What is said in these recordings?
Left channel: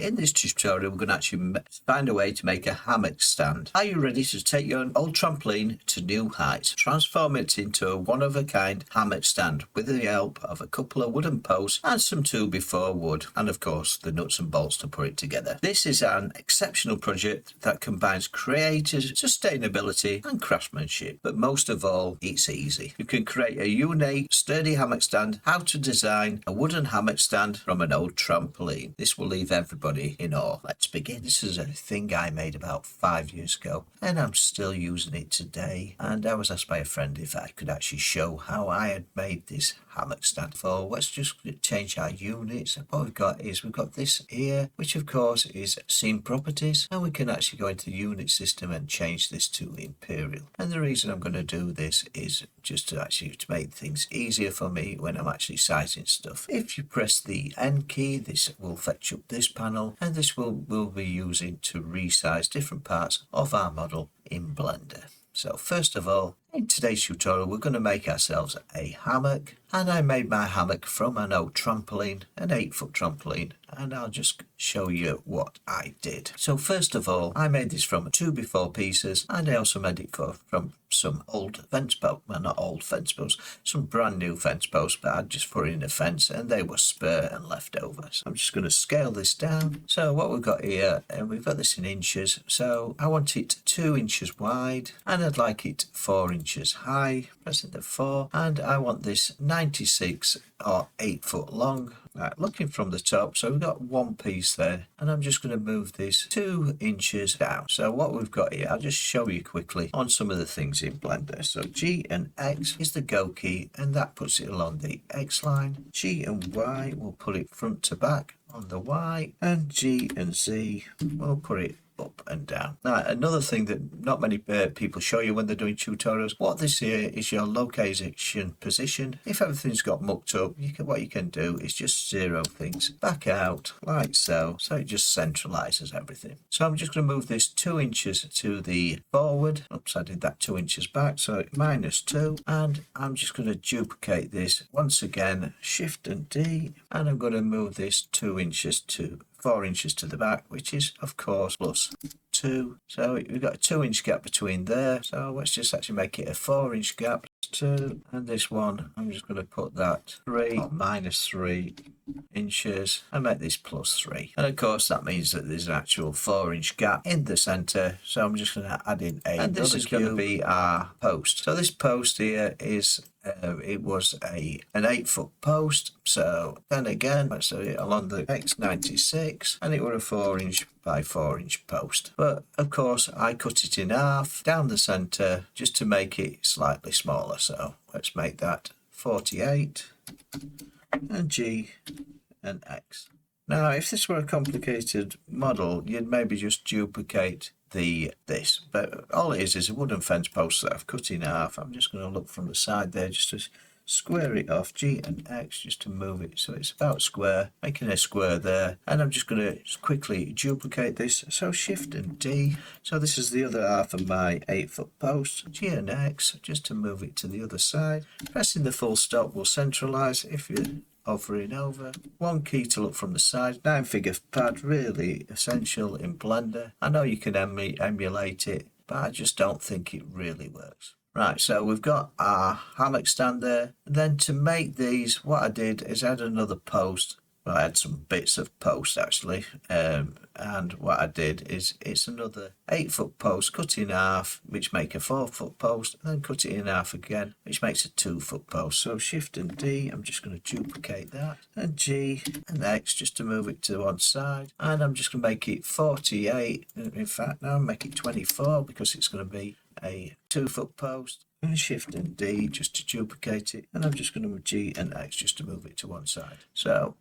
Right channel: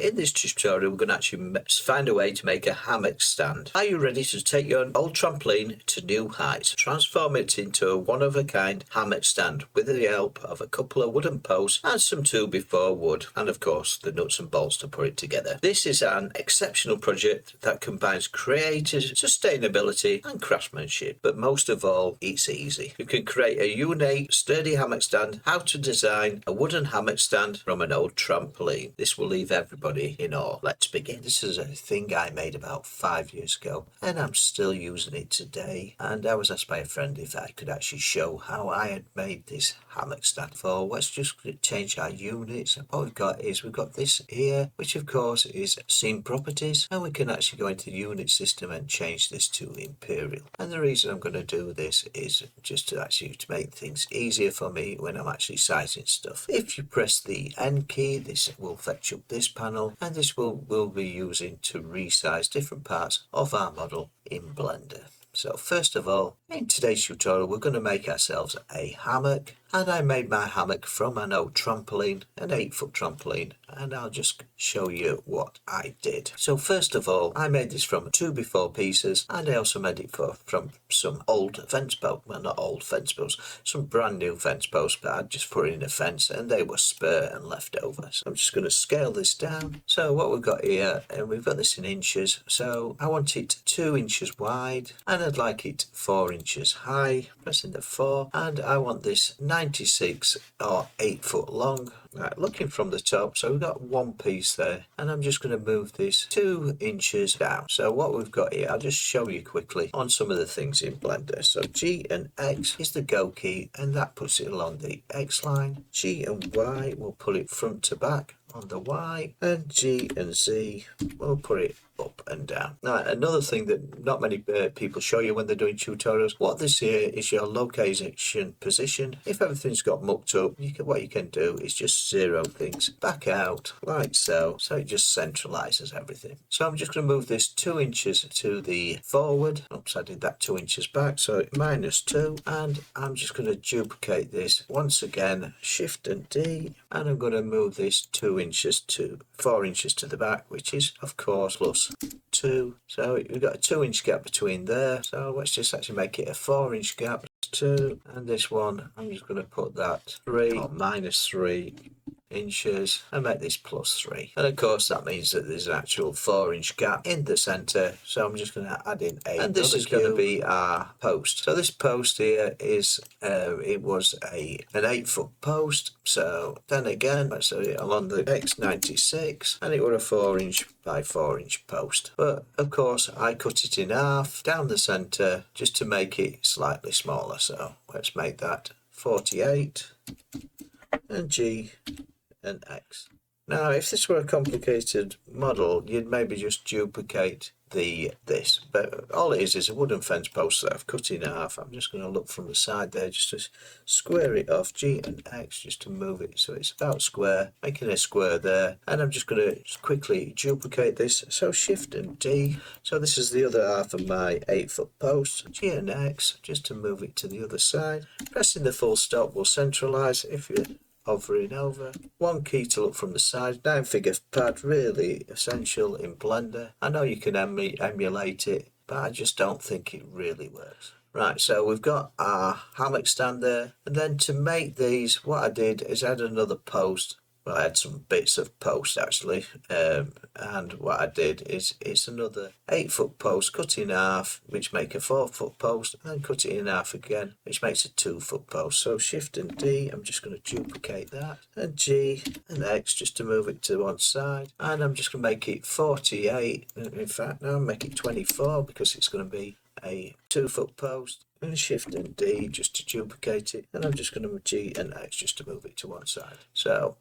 In this tutorial, we're going to actually find a way to make a hammock stand. Are you ready to take your old trampoline to new heights? Transform it into a one-of-a-kind hammock stand with the help of a couple of wooden posts and some 2x4 wood, and of course the nuts and bolts to put it together. This is an exceptional project that combines creativity, sustainability and craftsmanship, but most of all, it's easy. You can create a unique, sturdy hammock stand. How to design a wooden hammock stand from an old trampoline. This will leave everybody in awe. Let's begin. This is a thing I made about 5 years ago, and I'm still using it today. And I was asked by a friend if I could actually show how I had made this hammock stand. So let's just change our units. And what we've got is we've got this here, which of course is scene properties, and we can actually go into the unit system and change this to imperial. And the reason I'm going to do this is just to make things easier for me when I'm actually sizing stuff. If you press the N key, this will fetch up this panel, and this we'll be using to resize different parts of our model in Blender. So first of all, in today's tutorial, we're going to make ourselves a hammock, and I made my hammock from an old trampoline, an 8-foot trampoline, and I'll just show you what I did. So first of all, I made this from 2x4 pieces, and I also made it from some old fence posts, well not old fence posts, some brand new fence posts, but I just put in a fence and they were spare and left over. So I'm just going to scale this down. So what we've got here, and we've got this in inches, so I want it 2 inches wide, and I'd like it 4 inches high, pressing the 4, and I want this 96 or 8 foot long. Right, looking from the top, so we've got one piece there, and I'm just going to move this 2 inches down. So what we've got here, I'll just show you quickly on some of the things in Blender. So G and X is the go key, and that puts it along the X line. G and Y will put it front to back on the Y, and G and Z will put it up and down. Now, another thing that not many people show you when they're doing tutorials, what this here is your location position. If everything's got mucked up, what you can do is just zero things back out like so, so it just centralizes everything. So I'm just going to move this 2 inches to the forward. Oops, I did that 2 inches back, so -2, and I'm just going to duplicate this once again, Shift and D, and I'm going to move this 4 inches to the back, which is of course plus 2. So we've got a 2 inch gap between there, so let's just actually make it a 4 inch gap. 2, and this one I'm just going to put that 3 or -3 inches and make this +3, and of course that means that there's an actual 4 inch gap in the center. So I'm just going to add in and this is going to be our post. So this post here is it was an 8-foot post, so then again let's say it along the X96, and it was a 4 inch by 4 inch post, but of course I cut it in half down the center just to make it slightly smaller. So let's make that 48, and G and X. Now if this were a complicated model, you'd maybe just duplicate this, but all it is a wooden fence post that I've cut in half. I'm just going to look from the side there just to square it off, G and X, just to move it so it's about square, making a square there. And I'm just going to quickly duplicate this, so Shift and D. So this is the other half of my 8-foot post, G and X, just to move it to the other side. Pressing the full stop will centralize if you're hovering over. One key to look from the side. 9-figure pad, really essential in Blender. I know you can emulate it, but I just don't think it really works. Right, so we've got our hammock stand there, and then to make these, what I did is add another post. Well, I had some bits of post actually, and what I did is it's another 8-foot post cut in half, which make a 4-foot post, and then cut it in half again, which makes a 2-foot post. So Shift and D, I'm just going to duplicate that, and G and X just to move it to one side, and I'm just going to make it 48. In fact, now I'll make it 24 because it's going to be a 2-foot post. And Shift and D just to duplicate it, and I'm just going to G and X just to move it to one side. So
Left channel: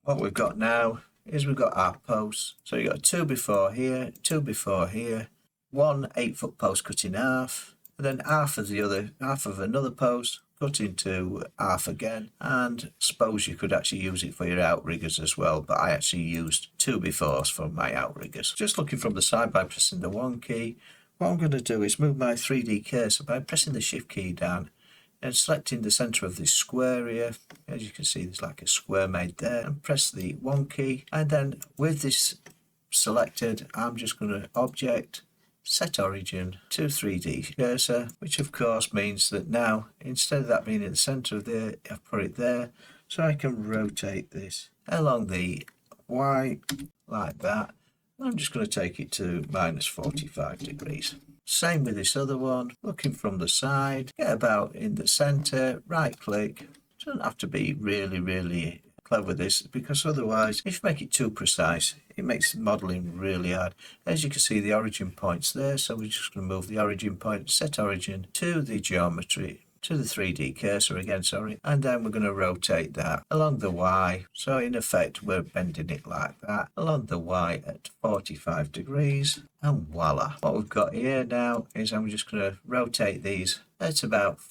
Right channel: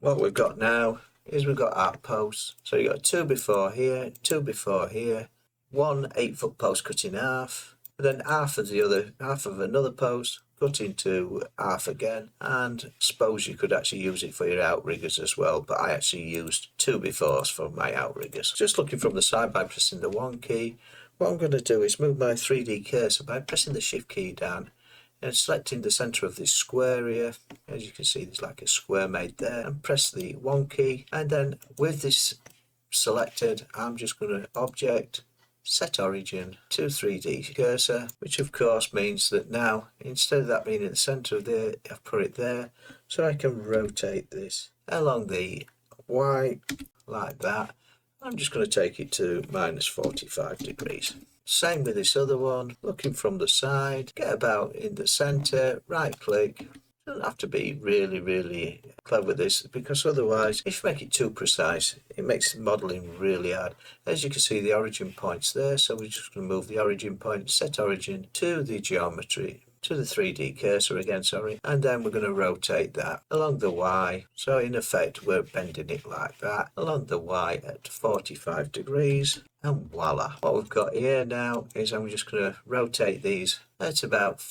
what we've got now is we've got our posts. So you've got a 2x4 here, 2x4 here, one 8-foot post cut in half, and then half of another post cut into half again. And suppose you could actually use it for your outriggers as well, but I actually used 2x4s for my outriggers. Just looking from the side by pressing the 1 key, what I'm going to do is move my 3D cursor by pressing the Shift key down and selecting the center of this square here. As you can see, there's like a square made there, and press the 1 key, and then with this selected, I'm just going to object, set origin to 3D cursor, which of course means that now instead of that being in the center of there, I've put it there, so I can rotate this along the Y like that. I'm just going to take it to -45 degrees. Same with this other one, looking from the side, get about in the center, right click. Doesn't have to be really clever with this, because otherwise if you make it too precise it makes modelling really hard. As you can see, the origin point's there, so we're just going to move the origin point, set origin to the geometry, to the 3D cursor again, sorry, and then we're going to rotate that along the Y. So in effect we're bending it like that along the Y at 45 degrees, and voila. What we've got here now is I'm just going to rotate these at about,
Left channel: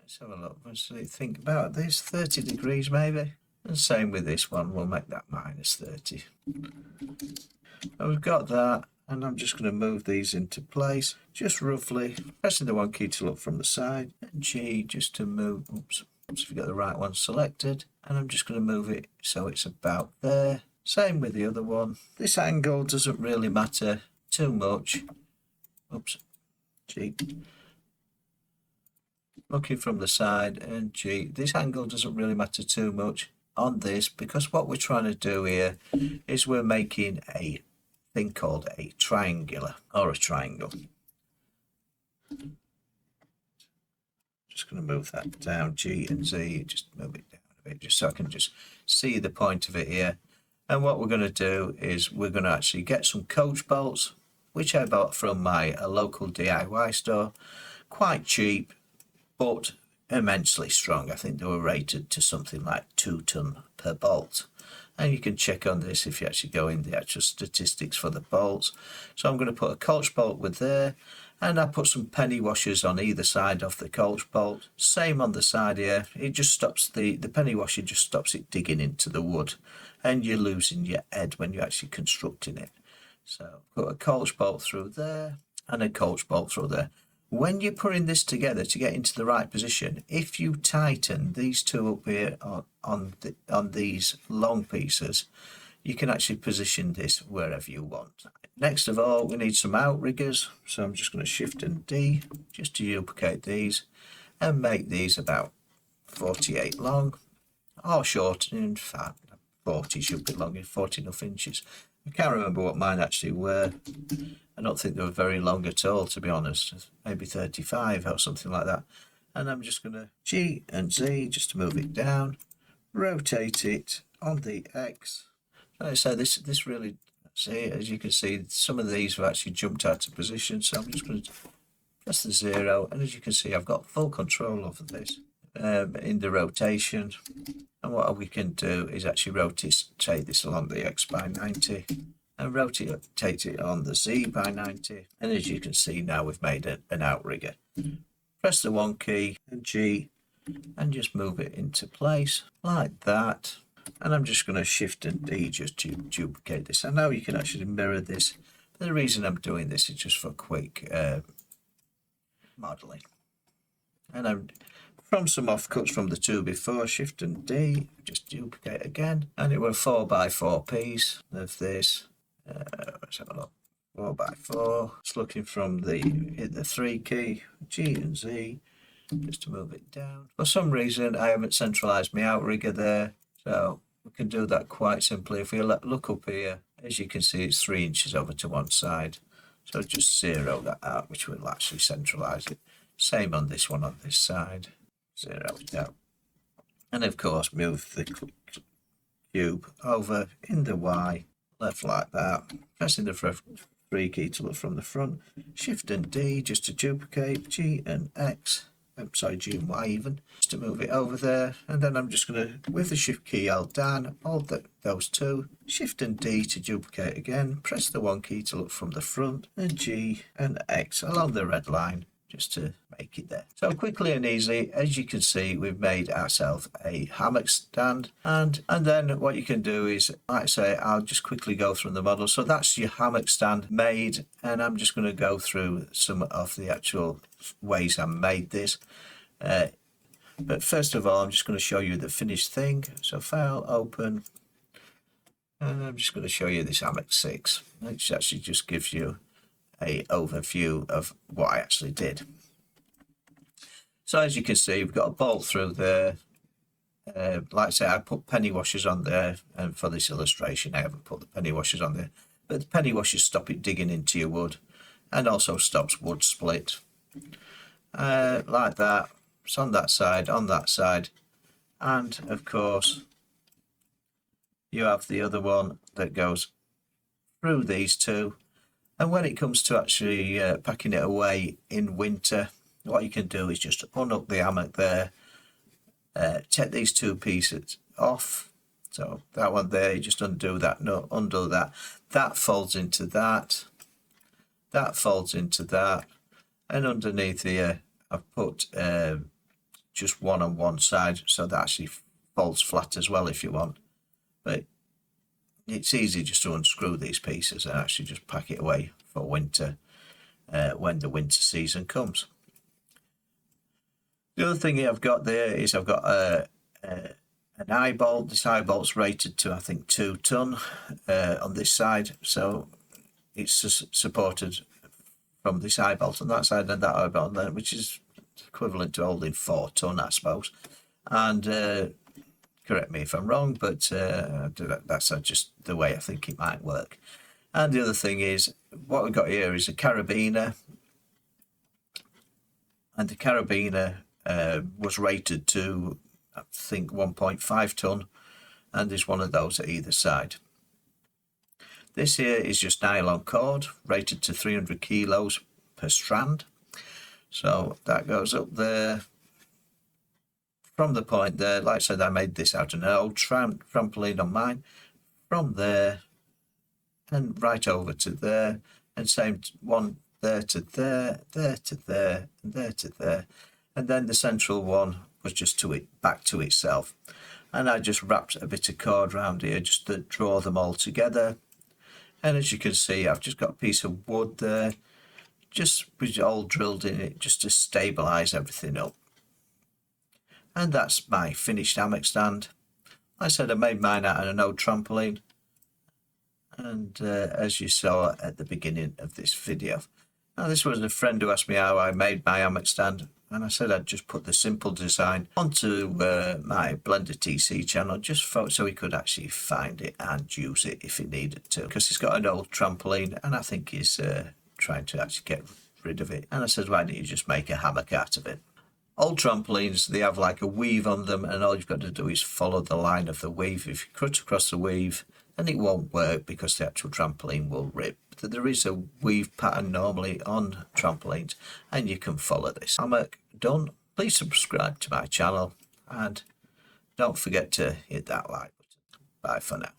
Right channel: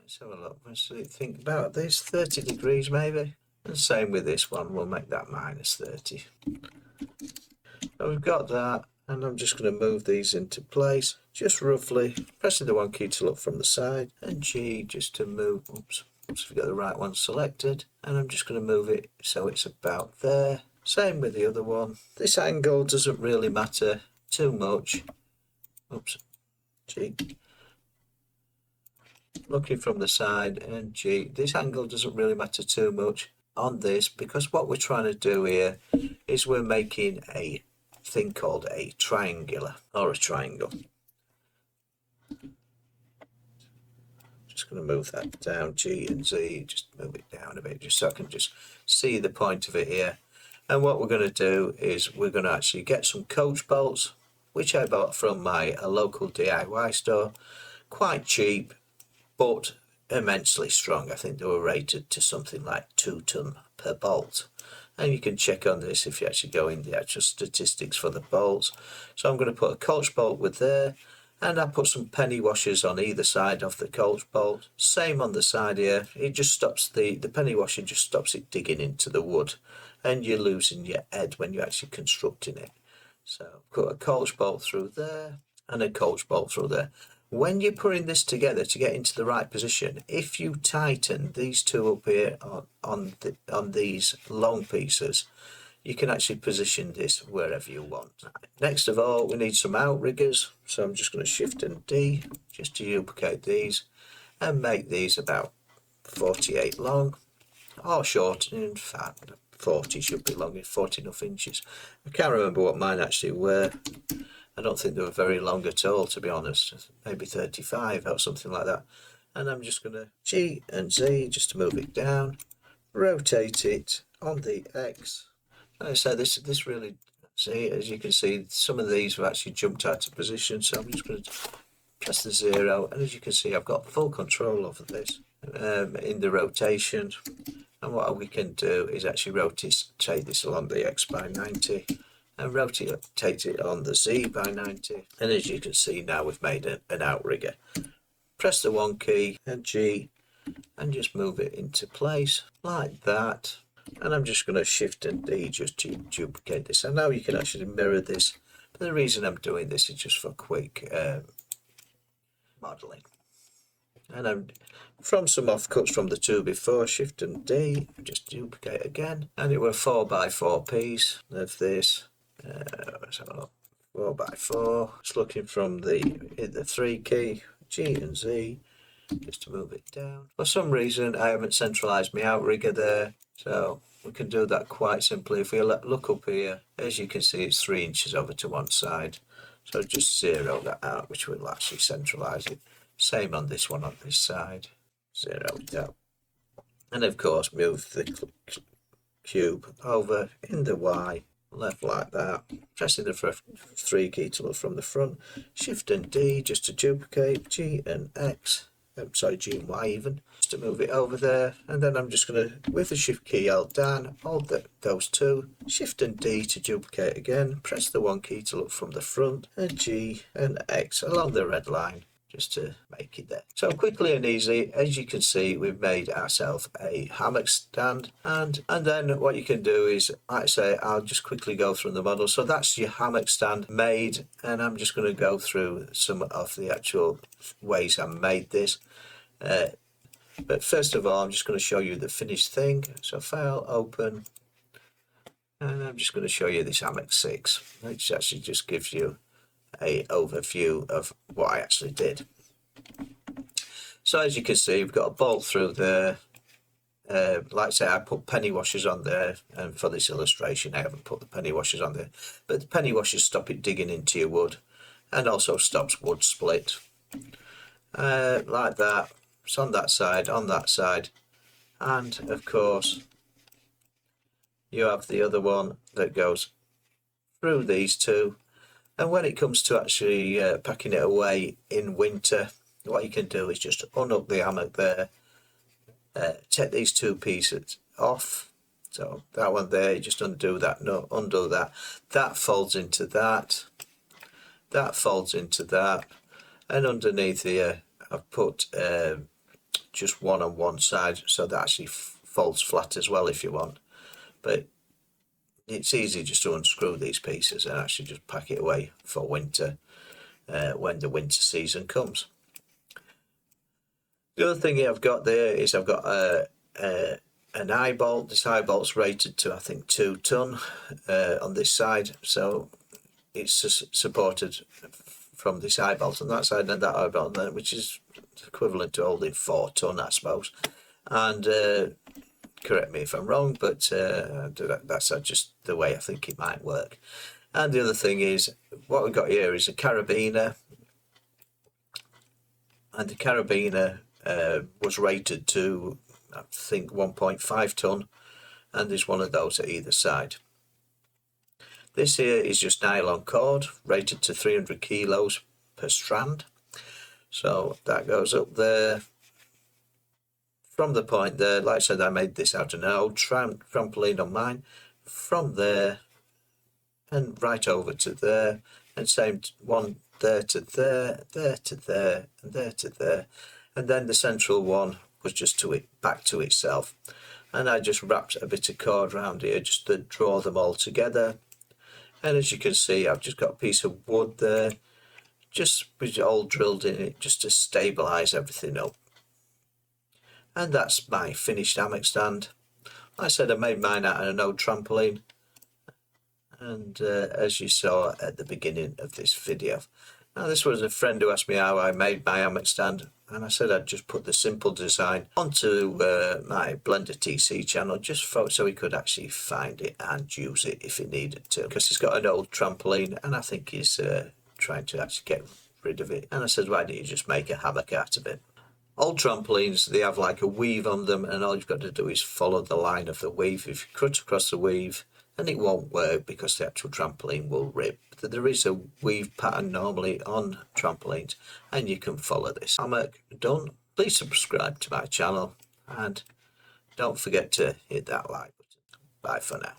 let's have a look, let's think about this, 30 degrees maybe. And same with this one, we'll make that -30. So we've got that, and I'm just going to move these into place, just roughly, pressing the 1 key to look from the side, and G just to move, oops, if we get the right one selected, and I'm just going to move it so it's about there. Same with the other one. This angle doesn't really matter too much. Oops, G. Looking from the side, and G. This angle doesn't really matter too much on this, because what we're trying to do here is we're making a thing called a triangular, or a triangle. Just going to move that down, G and Z, just move it down a bit, just so I can just see the point of it here. And what we're going to do is we're going to actually get some coach bolts, which I bought from my local DIY store, quite cheap, but immensely strong. I think they were rated to something like 2 ton per bolt, and you can check on this if you actually go in the actual statistics for the bolts. So I'm going to put a coach bolt with there, and I put some penny washers on either side of the coach bolt. Same on the side here, it just stops the penny washer just stops it digging into the wood, and you're losing your head when you're actually constructing it. So put a coach bolt through there and a coach bolt through there. When you're putting this together to get into the right position, if you tighten these two up here on these long pieces, you can actually position this wherever you want. Next of all, we need some outriggers, so I'm just going to Shift and D just to duplicate these and make these about 48 long, or short. In fact 40 should be long, 40 enough inches. I can't remember what mine actually were. I don't think they were very long at all, to be honest. Maybe 35 or something like that. And I'm just going to G and Z just to move it down, rotate it on the X. Like I say, this really, see, as you can see, some of these have actually jumped out of position. So I'm just going to press the 0, and as you can see, I've got full control over this in the rotation. And what we can do is actually rotate this along the X by 90. And rotate it on the Z by 90, and as you can see now we've made an outrigger. Press the 1 key and G and just move it into place like that, and I'm just going to Shift and D just to duplicate this. And now you can actually mirror this, but the reason I'm doing this is just for quick modelling. And I'm from some offcuts from the two before, Shift and D, just duplicate again, and it were 4x4 piece of this. Let's have a look. 4x4. Just looking from the 3 key, G and Z, just to move it down. For some reason, I haven't centralised my outrigger there, so we can do that quite simply. If we look up here, as you can see, it's 3 inches over to one side. So just 0 that out, which will actually centralise it. Same on this one on this side. 0 it out. And of course, move the cube over in the Y. Left like that, pressing the 3 key to look from the front, Shift and D just to duplicate, G and X, G and Y even, just to move it over there. And then I'm just going to, with the Shift key held down, hold those two, Shift and D to duplicate again, press the 1 key to look from the front, and G and X along the red line, just to make it there. So quickly and easy, as you can see, we've made ourselves a hammock stand, and then what you can do is, like I say, I'll just quickly go through the model. So that's your hammock stand made, and I'm just going to go through some of the actual ways I made this. But first of all, I'm just going to show you the finished thing. So file, open, and I'm just going to show you this hammock 6, which actually just gives you a overview of what I actually did. So as you can see, we've got a bolt through there. Like I say, I put penny washers on there, and for this illustration I haven't put the penny washers on there, but the penny washers stop it digging into your wood, and also stops wood split. Like that. It's on that side, and of course you have the other one that goes through these two. And when it comes to actually packing it away in winter, what you can do is just unhook the hammock there, take these two pieces off. So that one there, you just undo that, no, undo that. That folds into that. That folds into that. And underneath here, I've put just one on one side, so that actually folds flat as well if you want. But it's easy just to unscrew these pieces and actually just pack it away for winter when the winter season comes. The other thing I've got there is I've got an eye bolt. This eye bolt's rated to, I think, 2 ton on this side, so it's just supported from this eye bolt on that side and that eye bolt there, which is equivalent to holding 4 ton, I suppose. And correct me if I'm wrong, but that's just the way I think it might work. And the other thing is, what we've got here is a carabiner, and the carabiner was rated to, I think, 1.5 ton, and there's one of those at either side. This here is just nylon cord, rated to 300 kilos per strand. So that goes up there. From the point there, like I said, I made this out of an old trampoline on mine. From there and right over to there, and same one there to there, there to there, and there to there. And then the central one was just back to itself. And I just wrapped a bit of cord around here just to draw them all together. And as you can see, I've just got a piece of wood there, just with it all drilled in it, just to stabilise everything up. And that's my finished hammock stand. Like I said, I made mine out of an old trampoline. And as you saw at the beginning of this video. Now, this was a friend who asked me how I made my hammock stand. And I said I'd just put the simple design onto my Blender TC channel, just so he could actually find it and use it if he needed to. Because he's got an old trampoline and I think he's trying to actually get rid of it. And I said, why don't you just make a hammock out of it? Old trampolines, they have like a weave on them, and all you've got to do is follow the line of the weave. If you cut across the weave, then it won't work because the actual trampoline will rip. But there is a weave pattern normally on trampolines, and you can follow this. Hammock done. Please subscribe to my channel, and don't forget to hit that like button. Bye for now.